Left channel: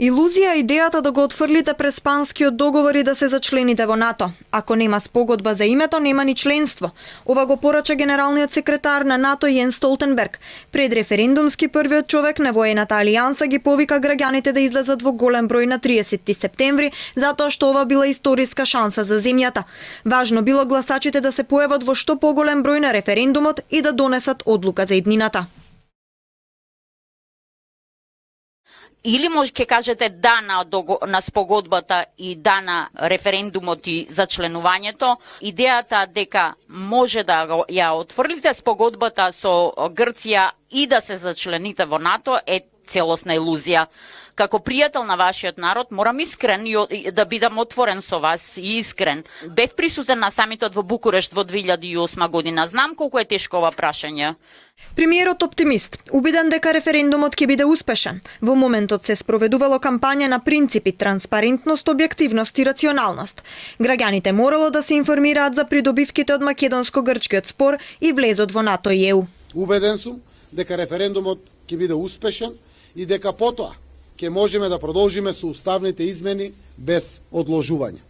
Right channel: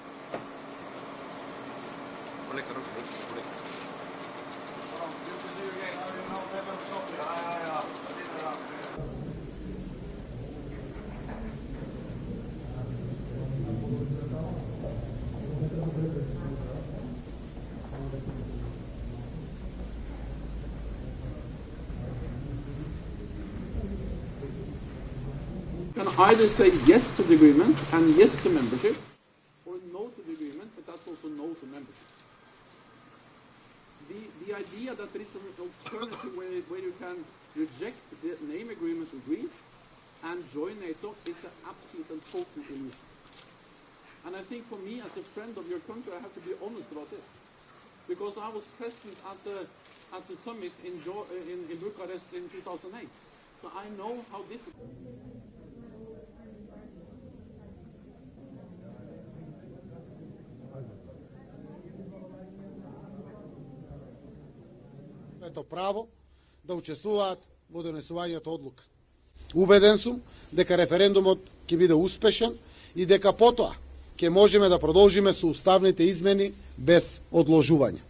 Илузија е идејата да го отфрлите преспанскиот договор и да се зачлените во НАТО. Ако нема спогодба за името, нема ни членство. Ова го порача генералниот секретар на НАТО Јенс Столтенберг. Пред референдумски првиот човек на воената алијанса ги повика граѓаните да излезат во голем број на 30 септември, затоа што ова била историска шанса за земјата. Важно било гласачите да се појават во што поголем број на референдумот и да донесат одлука за иднината. Или може ќе кажете да на спогодбата и да на референдумот и за членувањето. Идејата дека може да ја отфрлите спогодбата со Грција и да се зачлените во НАТО е целосна илузија. Како пријател на вашиот народ, морам искрен и да бидам отворен со вас и искрен. Бев присутен на самитот во Букурешт во 2008 година. Знам колку е тешко ова прашање. Премиерот оптимист, убеден дека референдумот ќе биде успешен. Во моментот се спроведувало кампања на принципи транспарентност, објективност и рационалност. Граѓаните морало да се информираат за придобивките од македонско-грчкиот спор и влезот во НАТО и ЕУ. Убеден сум дека референдумот ќе биде успешен и дека потоа ќе можеме да продолжиме со уставните измени без одложување.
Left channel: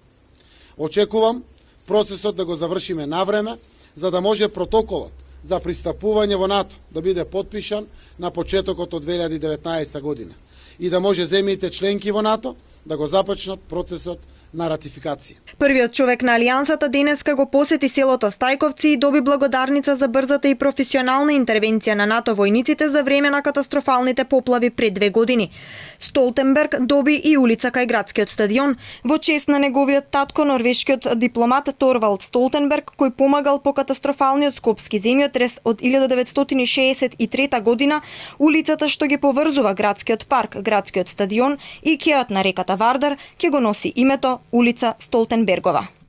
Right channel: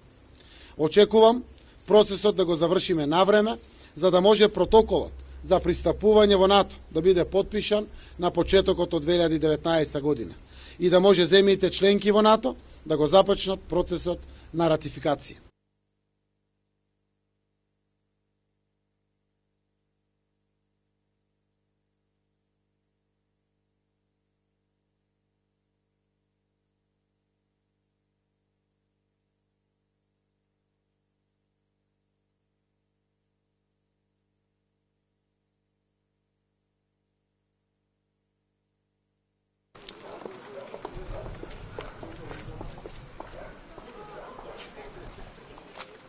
Очекувам процесот да го завршиме навреме, за да може протоколот за пристапување во НАТО да биде потпишан на почетокот од 2019 година и да може земјите членки во НАТО да го започнат процесот на ратификација. Првиот човек на Алијансата денеска го посети селото Стајковци и доби благодарница за брзата и професионална интервенција на НАТО војниците за време на катастрофалните поплави пред 2 години. Столтенберг доби и улица кај градскиот стадион во чест на неговиот татко, норвешкиот дипломат Торвалд Столтенберг, кој помагал по катастрофалниот скопски земјотрес од 1963 година. Улицата што ги поврзува градскиот парк, градскиот стадион и кеот на реката Вардар ќе го носи името улица Столтенбергова.